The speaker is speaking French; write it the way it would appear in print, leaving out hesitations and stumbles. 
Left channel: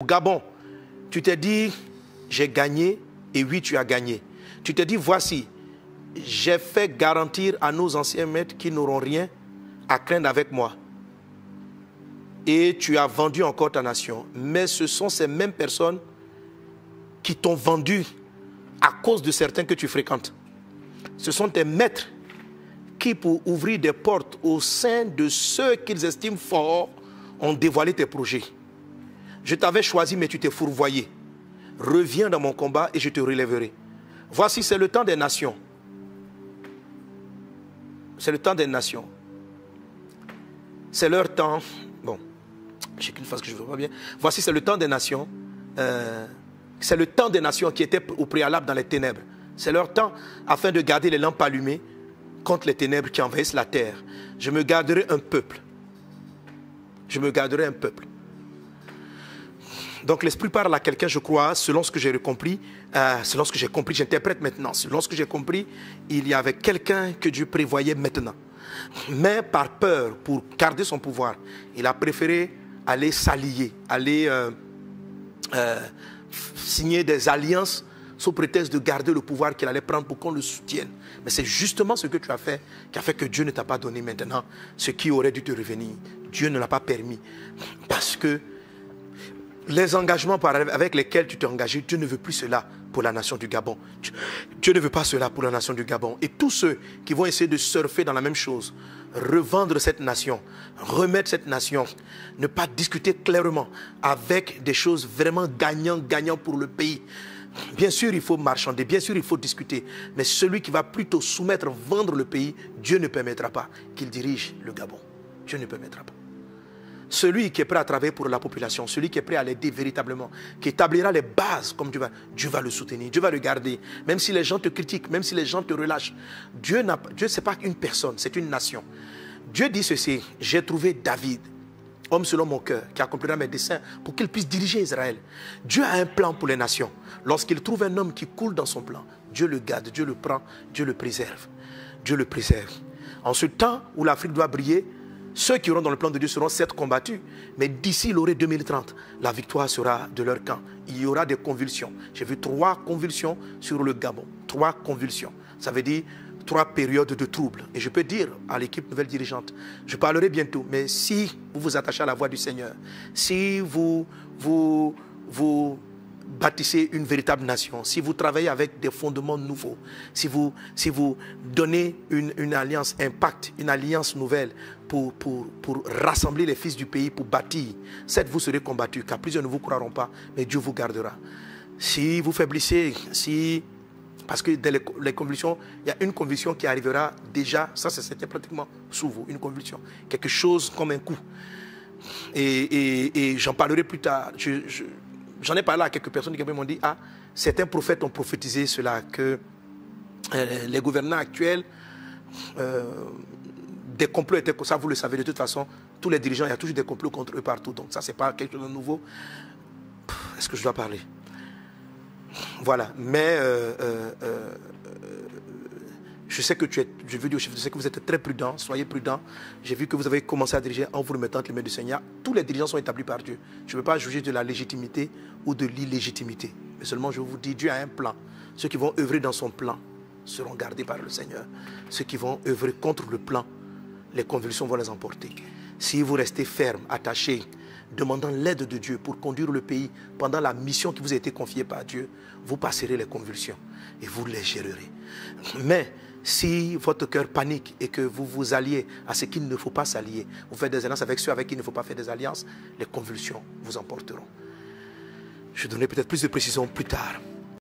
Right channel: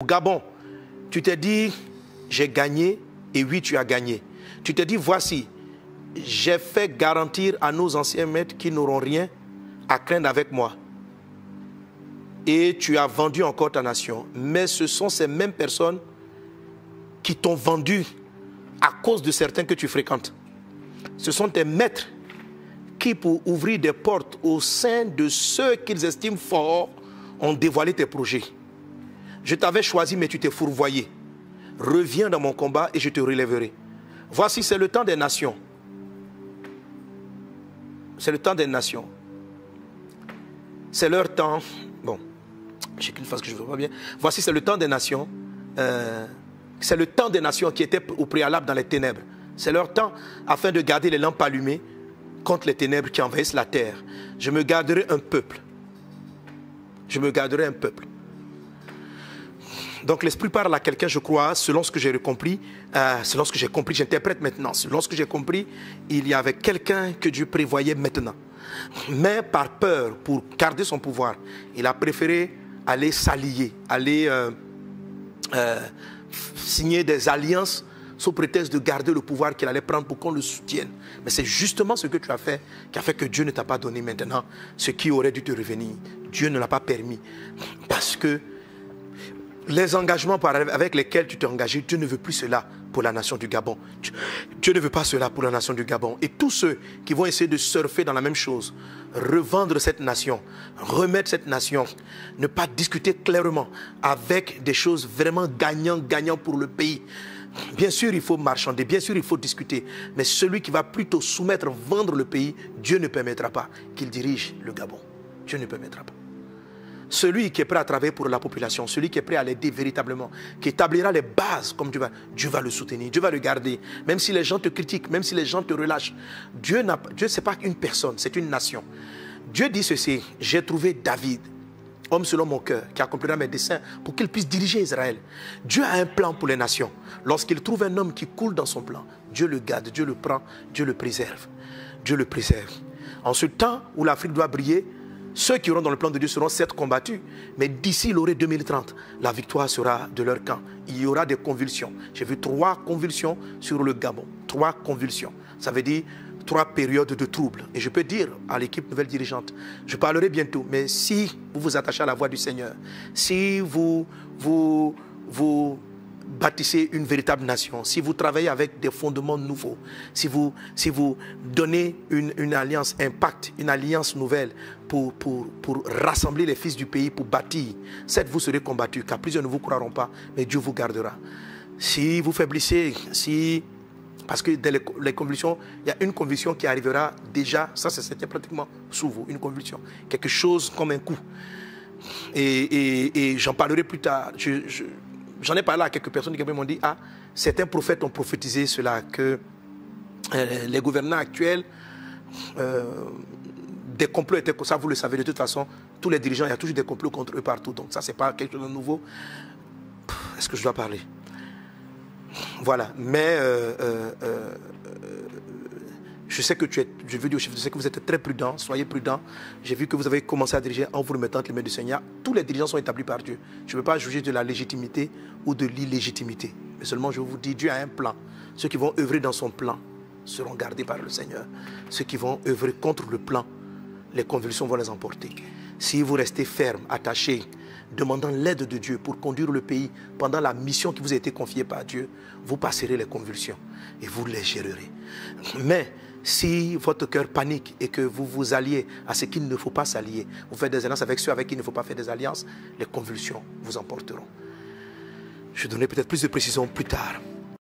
Au Gabon, tu t'es dit, j'ai gagné, et oui, tu as gagné. Tu t'es dit, voici, j'ai fait garantir à nos anciens maîtres qu'ils n'auront rien à craindre avec moi. Et tu as vendu encore ta nation. Mais ce sont ces mêmes personnes qui t'ont vendu à cause de certains que tu fréquentes. Ce sont tes maîtres qui, pour ouvrir des portes au sein de ceux qu'ils estiment forts, ont dévoilé tes projets. Je t'avais choisi, mais tu t'es fourvoyé. Reviens dans mon combat et je te relèverai. Voici, c'est le temps des nations. C'est le temps des nations. C'est leur temps. Bon, j'ai qu'une phrase que je ne vois pas bien. Voici, c'est le temps des nations. C'est le temps des nations qui étaient au préalable dans les ténèbres. C'est leur temps afin de garder les lampes allumées contre les ténèbres qui envahissent la terre. Je me garderai un peuple. Je me garderai un peuple. Donc l'Esprit parle à quelqu'un, je crois, selon ce que j'ai compris, selon ce que j'ai compris, j'interprète maintenant, selon ce que j'ai compris, il y avait quelqu'un que Dieu prévoyait maintenant. Mais par peur, pour garder son pouvoir, il a préféré aller s'allier, aller signer des alliances sous prétexte de garder le pouvoir qu'il allait prendre pour qu'on le soutienne. Mais c'est justement ce que tu as fait qui a fait que Dieu ne t'a pas donné maintenant ce qui aurait dû te revenir. Dieu ne l'a pas permis. Parce que les engagements avec lesquels tu t'es engagé, Dieu ne veut plus cela pour la nation du Gabon. Dieu ne veut pas cela pour la nation du Gabon. Et tous ceux qui vont essayer de surfer dans la même chose, revendre cette nation, remettre cette nation, ne pas discuter clairement avec des choses vraiment gagnant pour le pays. Bien sûr, il faut marchander, bien sûr, il faut discuter. Mais celui qui va plutôt soumettre, vendre le pays, Dieu ne permettra pas qu'il dirige le Gabon. Dieu ne permettra pas. Celui qui est prêt à travailler pour la population, celui qui est prêt à l'aider véritablement, qui établira les bases comme Dieu va le soutenir, Dieu va le garder. Même si les gens te critiquent, même si les gens te relâchent. Dieu, ce n'est pas une personne, c'est une nation. Dieu dit ceci, j'ai trouvé David, homme selon mon cœur, qui accomplira mes desseins pour qu'il puisse diriger Israël. Dieu a un plan pour les nations. Lorsqu'il trouve un homme qui coule dans son plan, Dieu le garde, Dieu le prend, Dieu le préserve. Dieu le préserve. En ce temps où l'Afrique doit briller, ceux qui auront dans le plan de Dieu seront certes combattus, mais d'ici l'orée 2030, la victoire sera de leur camp. Il y aura des convulsions. J'ai vu 3 convulsions sur le Gabon. 3 convulsions. Ça veut dire 3 périodes de troubles. Et je peux dire à l'équipe nouvelle dirigeante, je parlerai bientôt, mais si vous vous attachez à la voix du Seigneur, si vous bâtissez une véritable nation, si vous travaillez avec des fondements nouveaux, si vous donnez une alliance impact, une alliance nouvelle pour rassembler les fils du pays, pour bâtir, certes vous serez combattus, car plusieurs ne vous croiront pas, mais Dieu vous gardera. Si vous faiblissez, parce que dans les convulsions, il y a une convulsion qui arrivera déjà, ça c'était pratiquement sous vous, une convulsion, quelque chose comme un coup. Et j'en parlerai plus tard. J'en ai parlé à quelques personnes qui m'ont dit, certains prophètes ont prophétisé cela, que les gouvernants actuels, des complots étaient comme ça, vous le savez de toute façon, tous les dirigeants, il y a toujours des complots contre eux partout, donc ça c'est pas quelque chose de nouveau. Est-ce que je dois parler? Voilà, mais je sais que je veux dire, je sais que vous êtes très prudent, soyez prudent. J'ai vu que vous avez commencé à diriger en vous remettant entre les mains du Seigneur. Tous les dirigeants sont établis par Dieu. Je ne veux pas juger de la légitimité ou de l'illégitimité. Mais seulement je vous dis, Dieu a un plan. Ceux qui vont œuvrer dans son plan seront gardés par le Seigneur. Ceux qui vont œuvrer contre le plan, les convulsions vont les emporter. Si vous restez ferme, attaché, demandant l'aide de Dieu pour conduire le pays pendant la mission qui vous a été confiée par Dieu, vous passerez les convulsions et vous les gérerez. Mais si votre cœur panique et que vous vous alliez à ce qu'il ne faut pas s'allier, vous faites des alliances avec ceux avec qui il ne faut pas faire des alliances, les convulsions vous emporteront. Je donnerai peut-être plus de précisions plus tard.